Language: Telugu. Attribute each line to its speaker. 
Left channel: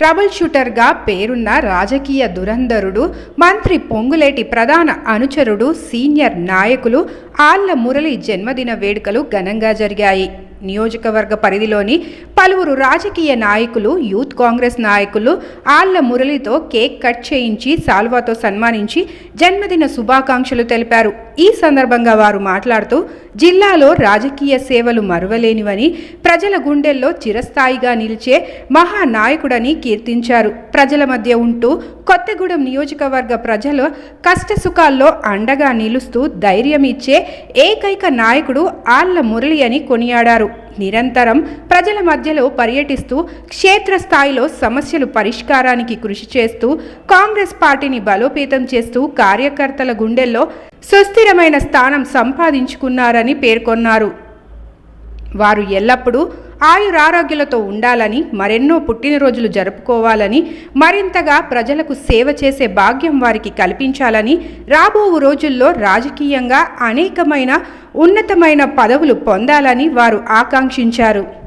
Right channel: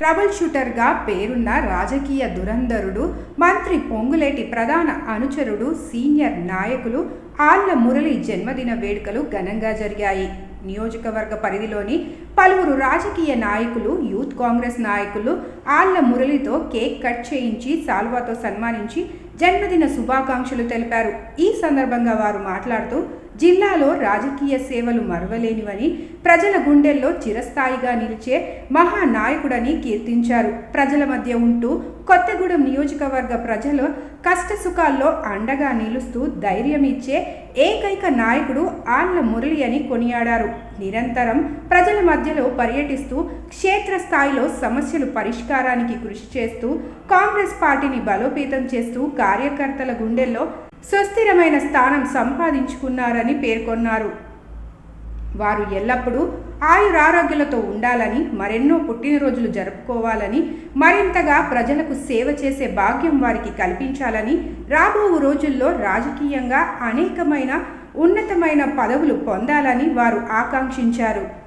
Speaker 1: ట్రబుల్ షూటర్గా పేరున్న రాజకీయ దురంధరుడు మంత్రి పొంగులేటి ప్రధాన అనుచరుడు సీనియర్ నాయకులు ఆళ్ళ మురళి జన్మదిన వేడుకలు ఘనంగా జరిగాయి. నియోజకవర్గ పరిధిలోని పలువురు రాజకీయ నాయకులు యూత్ కాంగ్రెస్ నాయకులు ఆళ్ళ మురళితో కేక్ కట్ చేయించి సాల్వాతో సన్మానించి జన్మదిన శుభాకాంక్షలు తెలిపారు. ఈ సందర్భంగా వారు మాట్లాడుతూ జిల్లాలో రాజకీయ సేవలు మరువలేనివని ప్రజల గుండెల్లో చిరస్థాయిగా నిలిచే మహానాయకుడని కీర్తించారు. ప్రజల మధ్య ఉంటూ కొత్తగూడెం నియోజకవర్గ ప్రజలు కష్టసుఖాల్లో అండగా నిలుస్తూ ధైర్యం ఇచ్చే ఏకైక నాయకుడు ఆళ్ళ మురళి అని కొనియాడారు. నిరంతరం ప్రజల మధ్యలో పర్యటిస్తూ క్షేత్రస్థాయిలో సమస్యలు పరిష్కారానికి కృషి చేస్తూ కాంగ్రెస్ పార్టీని బలోపేతం చేస్తూ కార్యకర్తల గుండెల్లో సుస్థిరమైన స్థానం సంపాదించుకున్నారని పేర్కొన్నారు. వారు ఎల్లప్పుడూ ఆయురారోగ్యాలతో ఉండాలని మరెన్నో పుట్టినరోజులు జరుపుకోవాలని మరింతగా ప్రజలకు సేవ చేసే భాగ్యం వారికి కల్పించాలని రాబో రోజుల్లో రాజకీయంగా అనేకమైన ఉన్నతమైన పదవులు పొందాలని వారు ఆకాంక్షించారు.